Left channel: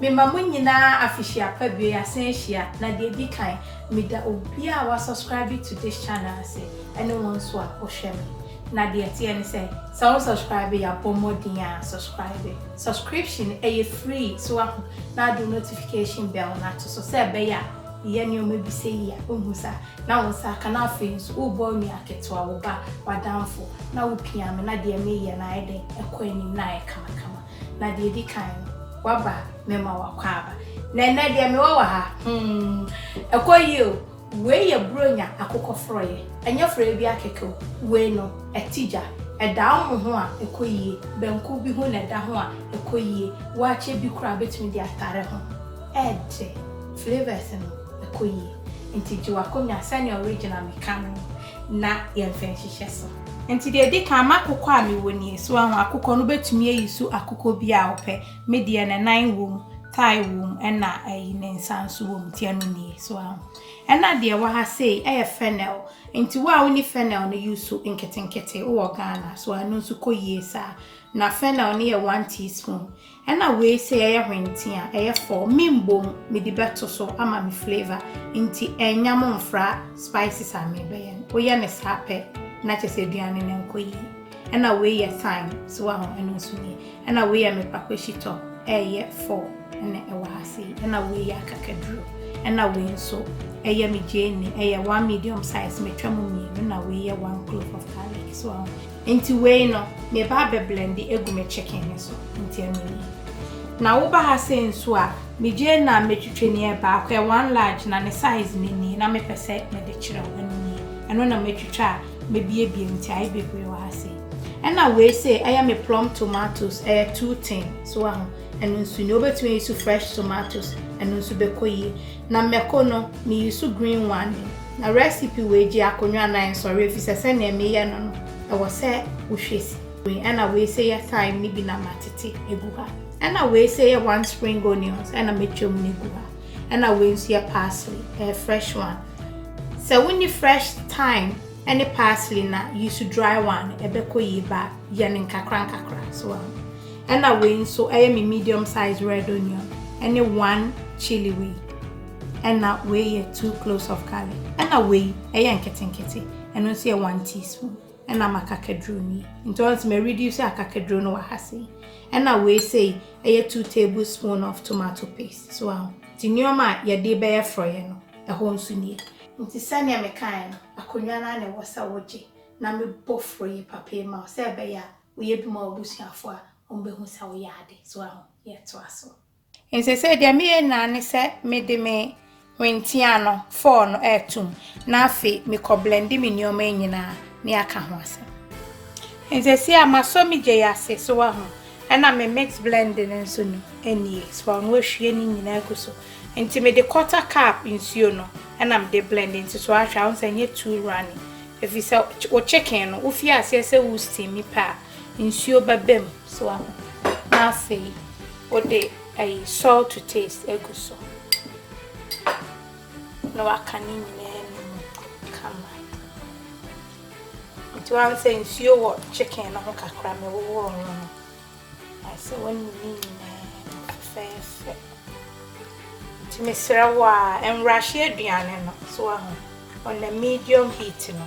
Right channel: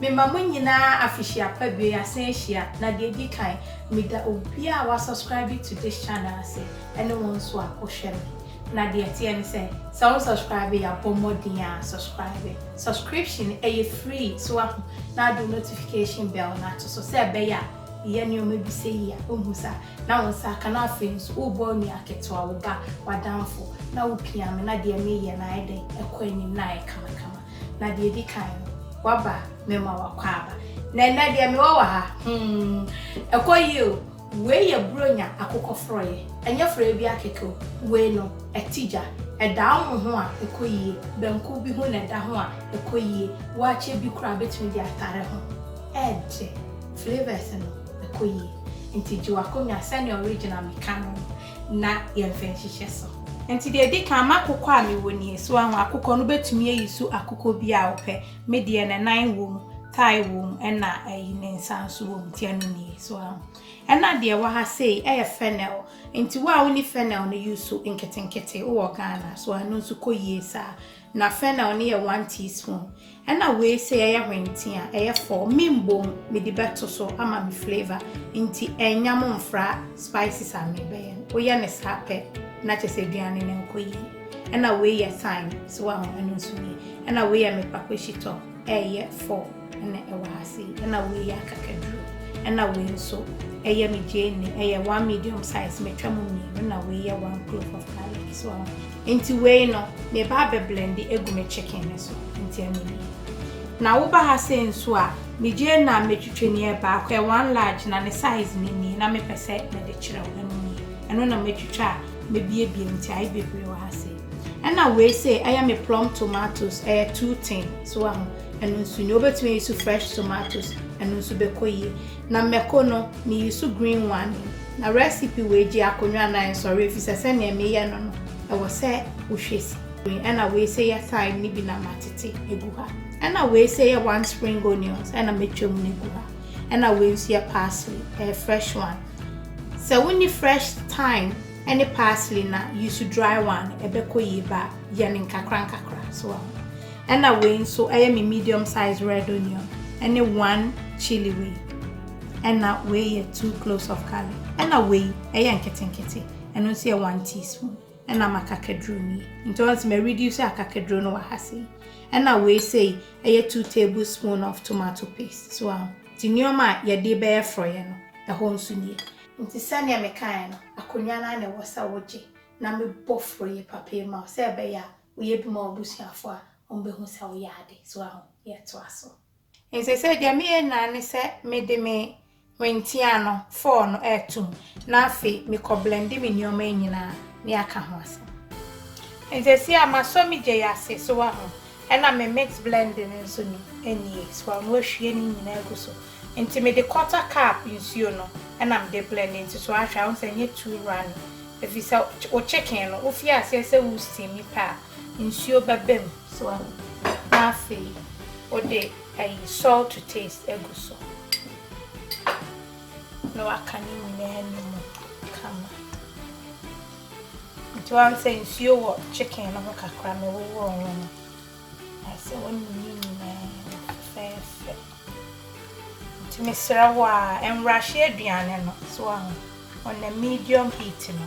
me mamu nyina afishia pa bi asen hia na de di kan me da obi a wa subscribe to this channel say ene won so a ohwe me na de tie ne say so subscribe ya pomodin a subscription free so na do notification bell na to so say be ya ye ni o me bi say ya ohusa na won sa kana fence wo bo ni aketo a wo ba wadamfo na wo pia me na de me ye na eden ekwanim na e kama na de di kan waba mema wakwaba na de me wa ha ekoyi o we ye bronya akokọ froye enye froye bi akeke we no etija eda ho a ekoyi benku bi ho na eda ho a ekoyi waache bi kura betumi di atare ho ede flavors no ekoyi ntiji wakonya sane original mekano na ye mfenhihye so enti de di kan makokọ a me woni so ahụ akokọ no betumi ayisu akokọ bi a ope medie na nan wom thyme wom na ne nsanso wom tie no nie so ahụ na de wa ha sei fennel enti wa woni fennel no yusu nketenkete wo Ghana so anu nso koyie sa na fennel ne 1 teaspoon na we sei hwenti a 4 mimbo me di beto so ama me flavor enti enyam mfra spices a me be yen oya ne sape na chese aduane ne nkoyi na we ye thyme so ahụ anu nso ni na we ye me pakweshito 4 na wa ha sei na we ye akakaduro na we nso eye me jeni 1 medium size me twam mi na we 1 clove of garlic so into we no me ba be blend egu me chicken so into emi na wo ba ha se nso a me jeni na me twetwe ni ba kwa 1 large na ne size ni na me pese me de kire wo ni eno na me twetwa me bie nti ai bebre wa ha se na we say me plum tomatoes 2 tin so eno nso ni obetumi use fresh tomatoes eno nso bekoyi na meko no me use green one na recipe we ji akonwa na nsori efisese na me ye no wo se wo hwesi na we say thyme ni bi na matete egu ha na we say 1 spring onions na metwom ni egu ha na we nso parsley fresh one so when you fresh thyme any parsley na use dry one ebekoyi ba ye ne nkakra so na we nso me medium size red onion any 1 chilli we na we 2 cloves of garlic na we nketenkete eno nso 1 teaspoon na makakadro ni nto me reduce akakadro no wahase na we say 2 tablespoon of tomato paste so tinioma ye de be froye no ho nso ni nti sane me kan no akonwa na ne wosa woje na me bofroye papa ma se be ya we bi ma obusuafo a ombehu sa wo yade so ye to aso ense se dia me na ne se me de me wentia no 4 no etum na afi me ko blend me nioma nyina ne aka ho ase ense se amaso me je yase so na me mix blend nso ni enie so wo hwie ni nyina aguso enti me de quarter cup nsuo no na me de blend into so ahwa won say too runny if you say o chicken no ofi ase se wo steam pa nsuo babem so na afi o de salt to taste eguso no akani nyina mu kama to I say nsuo wo chicken no kakra me wo no I say when you fair Mr. Wa and Russia Diana no so on the medium heat no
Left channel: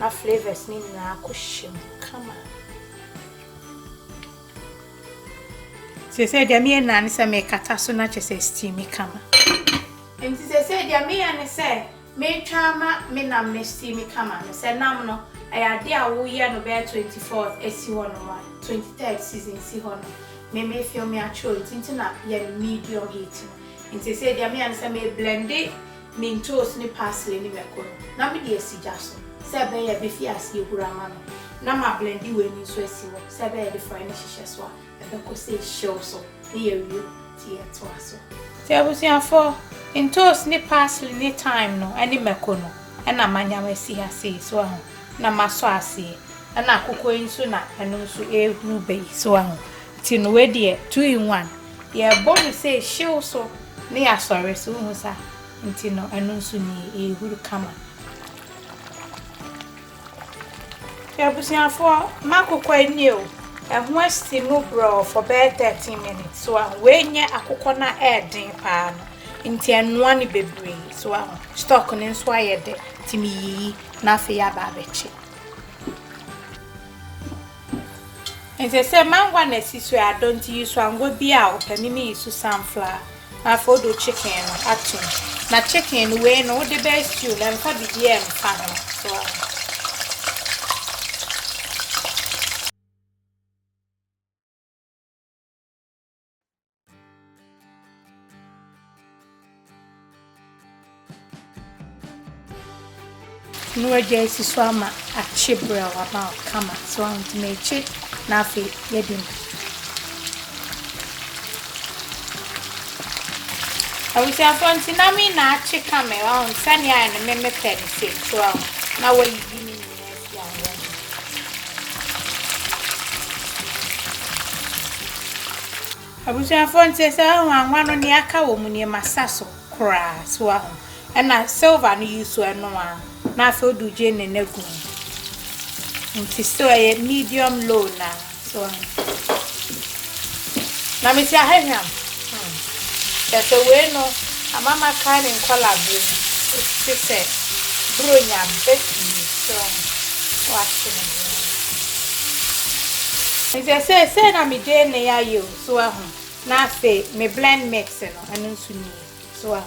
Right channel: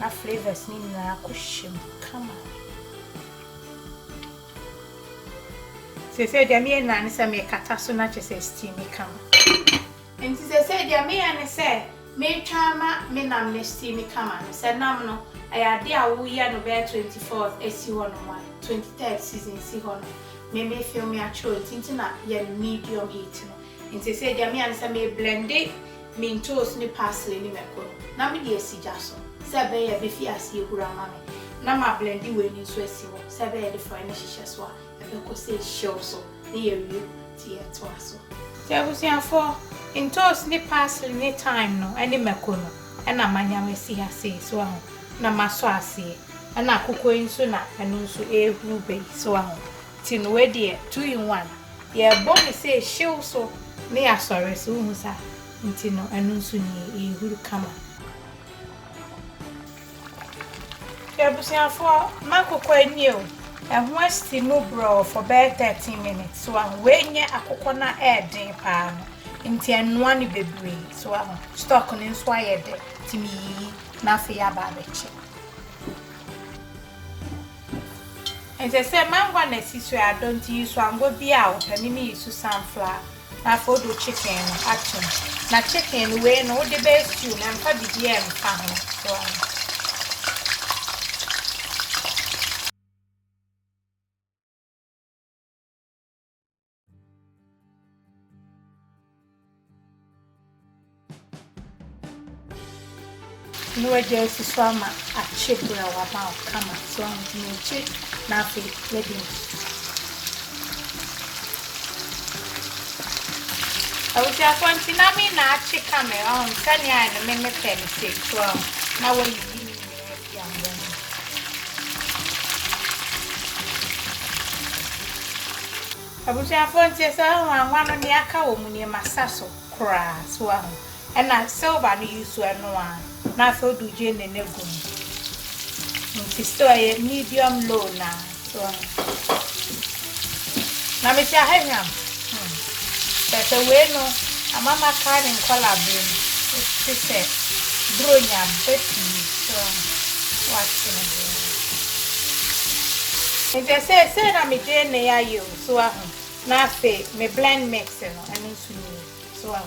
na flavors ni na kushim come on say dia me na ne say me kata so na che say steam kama enti say dia me na say me twama me nam ne steam kama no say nam no ayade a wo ye no be 24th esi ho no 23rd season si ho no me feel me actual tinti na ye medium heat no Inti say dia me ansa me blend me toast ni parsley ni meko na me de asija so se be ye be fi ase ehura ma me na ma blend we ni so asi wo se be ye de fry ni hihye so a be ko say show so ni ye wi ti e to aso ti abusia for in toast ni parsley ni thyme no ani meko no na manya we si ase so na maso ase na akoko nso na eno nso ehuru be so ti no we de 2 in 1 ye bo we say show so ni asori so hunsa nti no eno nso ni ehuru kama ya busia fo makoko ani o And once steam bro for about 30 minutes. So I'm weighing a coconut air din pan. Into one baby. So I'm stock on inspired to me, nothing about it. And they say, man, one is this way I don't use one will be out and me is to sunflower. Now for the chicken action. Now chicken way no the best you and probably dear and family. So no agency swama a chip well about come so I'm to make chip nothing wedding. I was a point in a mean a chick camera on Sunny and a member penny said so now will you mean I was a phone says one on the aka woman near my sasso cry so and I silver no use to no one. Now so do Jane and Nego. It is so a medium low now. So now me say I have him. That's a way no a mama kind in color blue. It's say bronya betty so watching. If I say na me Jane near you so now say me blend mix and so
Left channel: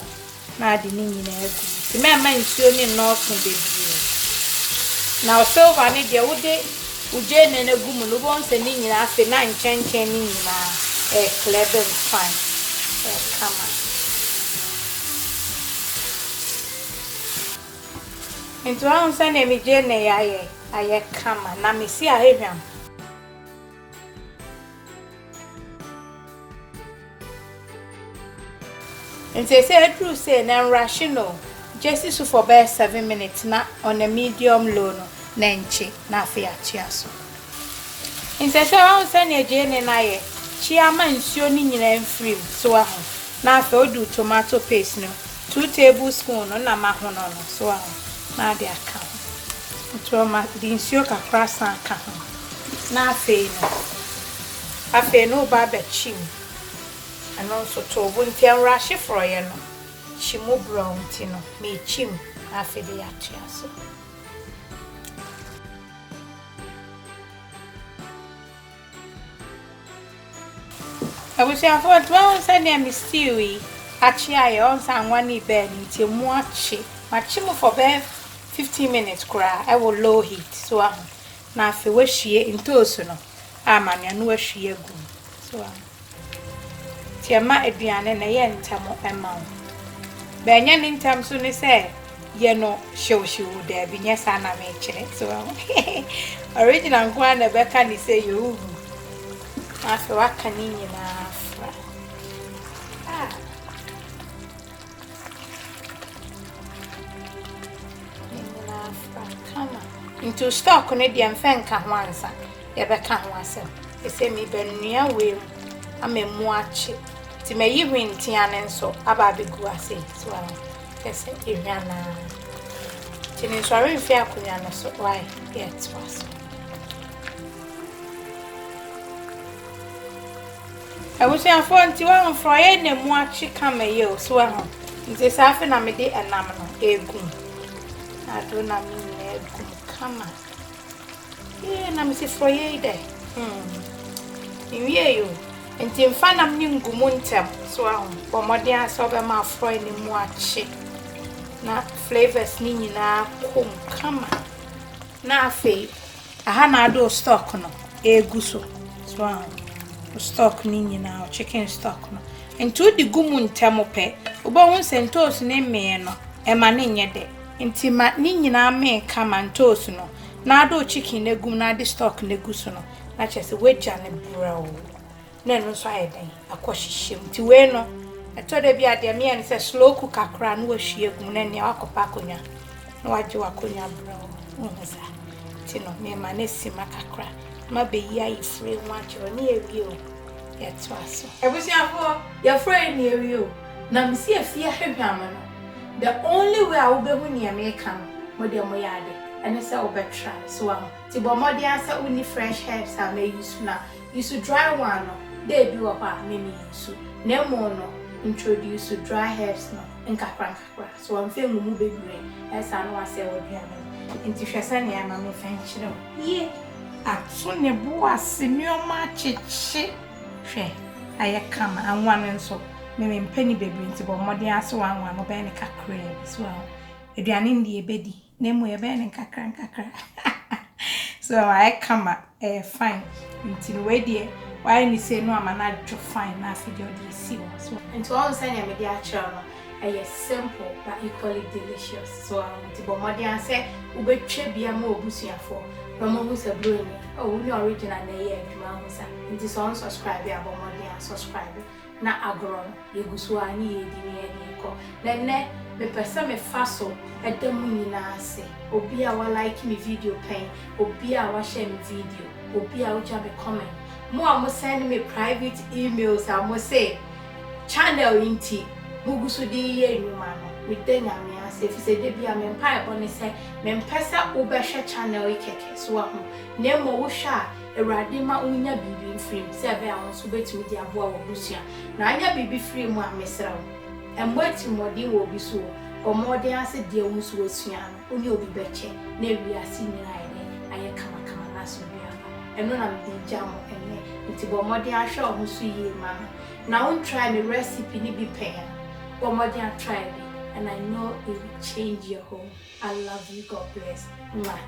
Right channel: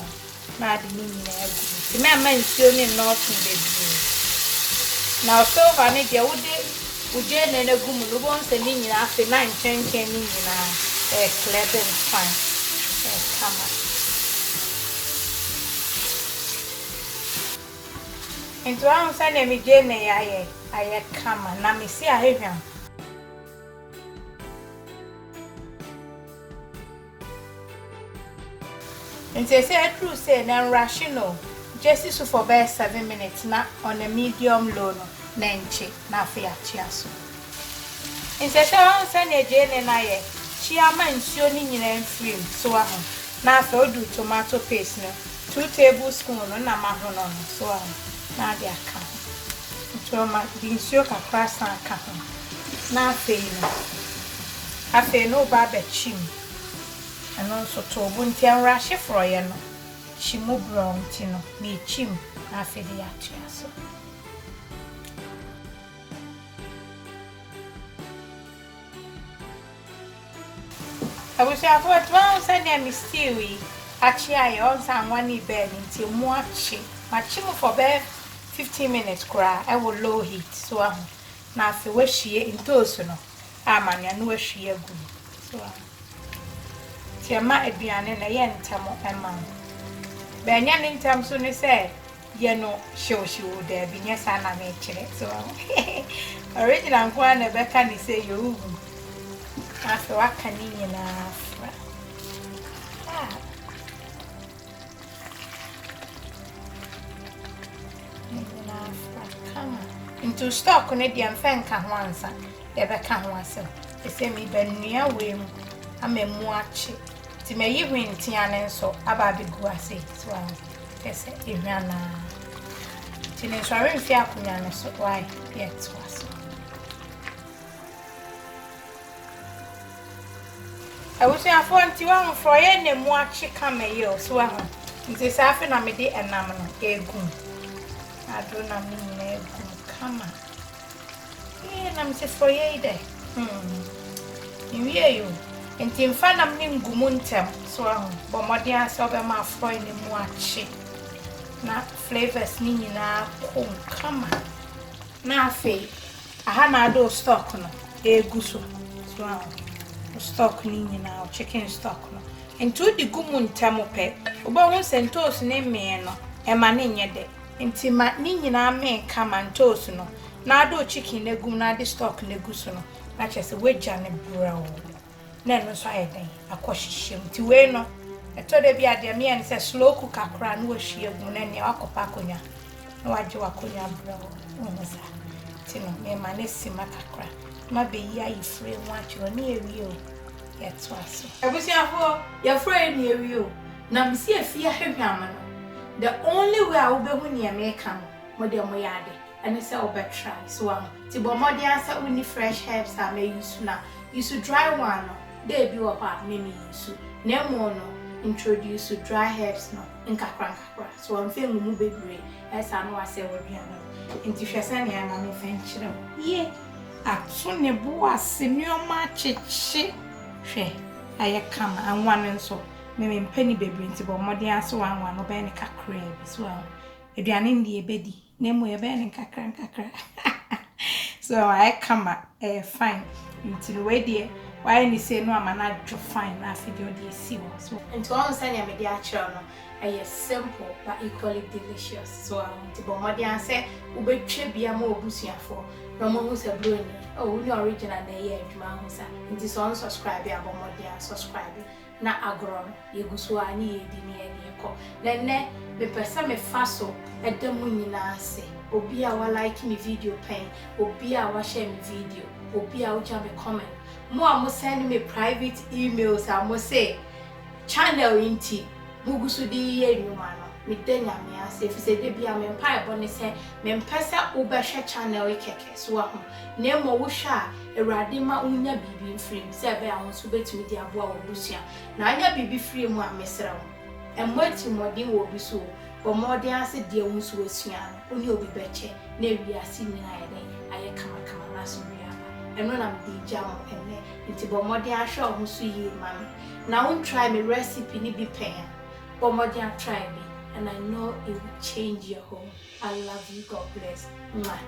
now the name the man mentioned in North baby. Now, so I need your wood, Jane and a goom, once and in after 9 10 in a clever fine. Into one son, me Jane, I come and let me see I have him. And they say, true say, and rational. Just so for about 7 minutes na on a medium low no nenchi na afia chiaso. Insese wan sane Jane na ye chiama nsuo ni nyina mfrim so aho na afa odu tomato paste no 2 tablespoons no na mahono no so aho na de aka toma di nsuo kakra san aka ho na afa no ba be chim ano so to bunti an rashi froye no she mo brown tino me chim afede ya chiaso. I was saying what once I name is stewy actually I also one bed into muachi machimo for about 15 minutes cry I will low heat so na fe we hie into no amanya no ahwie agu so tiama aduane na ye ntamo ema Benya nintam so ne say ye no show there be nya sana me kire so original kwa na beka ni say you afi waka ni nyina afra kama into stock ne dia mfenka ho ansa ye beka ho asem e say me benua we mu amemu achi ti me yi hwinti ane nso aba begu ase so kese ehwana ti ni so are mfi akonya no so why get was I was saying for anti one for any mu achi kama yo so nti safi na me de enam no egu ado na me na egu kama na me se for ye ide iwie yo nti mfana mni ngumu ntem so bomode aso be ma fry ni mu achi na flavors ni nyina kom kama na afi aha na do stock no egu so stock ni nyina chicken stock no nti odi gumu ntem pe obo won sentos ne me no e ma ne nyede nti ma ni nyina me kama ntos no na do chicken ne gum na de stock ne gu so no na chese weja ne brown na no so ayeden akohihiem ti we no eto de bia de me en se slow cook akra no ahwie gum na ne akopa konya na waje wakonya brown unza ti no me ma ne sima kakra ma be yi ayi free wacho ne ewi o yeto aso abusiafo ya free ne ewi o na msi afia hwehwama no the only way I will be when you make come mo de mo yade and say over try. So ti bo modi answer uni fresh herbs I may use na. Use dry one no. They be apa me use. Na mo no introduce dry herbs no nkakra. So I'm feeling mu bebre. As I know I say what no. Inti hwese na ma me fan kire. Ye. Ato ne bo ase nneoma cheche. Hwe. Aye kama anwan nso. Me mpani bebre nti bo modi ase wanwan no be ne kakra bi so aduane ndi ebedi na mu ebe ne kakra. So I come fine. Until we dear, why ni say no amana jo fine na video dey see one. So into all say na me dey actual no simple but equally delicious. So until bomodi an say ubetwe bia ma obusuafo. No mo hu say blow ni. Oh, ni original na ye adwuma hu sa. Until so subscribe ya bomodi an subscribe. Na agro yeguso ani yedi ni ye ko. Nenne me pesa me faso edemu nyina ase. Obi a wa like me video pen, obi a wa share me video, obi a wa jam me comment. Mo a mo send me private emails a mo say channel inti mugusu di ye nwuma no. Me denya me ase fi se de bia me mpa e bone se me mpesa obehwe channel ikeke so ho. Na mo wo hwa Ewrade ma unya bibi frame se be a wonso betimi di aboa wo busua. Na anya bibi frame a mesra wo. Emwati modi wo bi so. Omode ase de wonso wasua no. Oni obi beche na wiase nyina aye kama na so biaba. Eno na me di jam ene. Nti bomode ahwe wo so yi mama. Na won try me recipe ni bi pen. Bomode a try me and I know it will change your home. I love you. God bless. Mwah.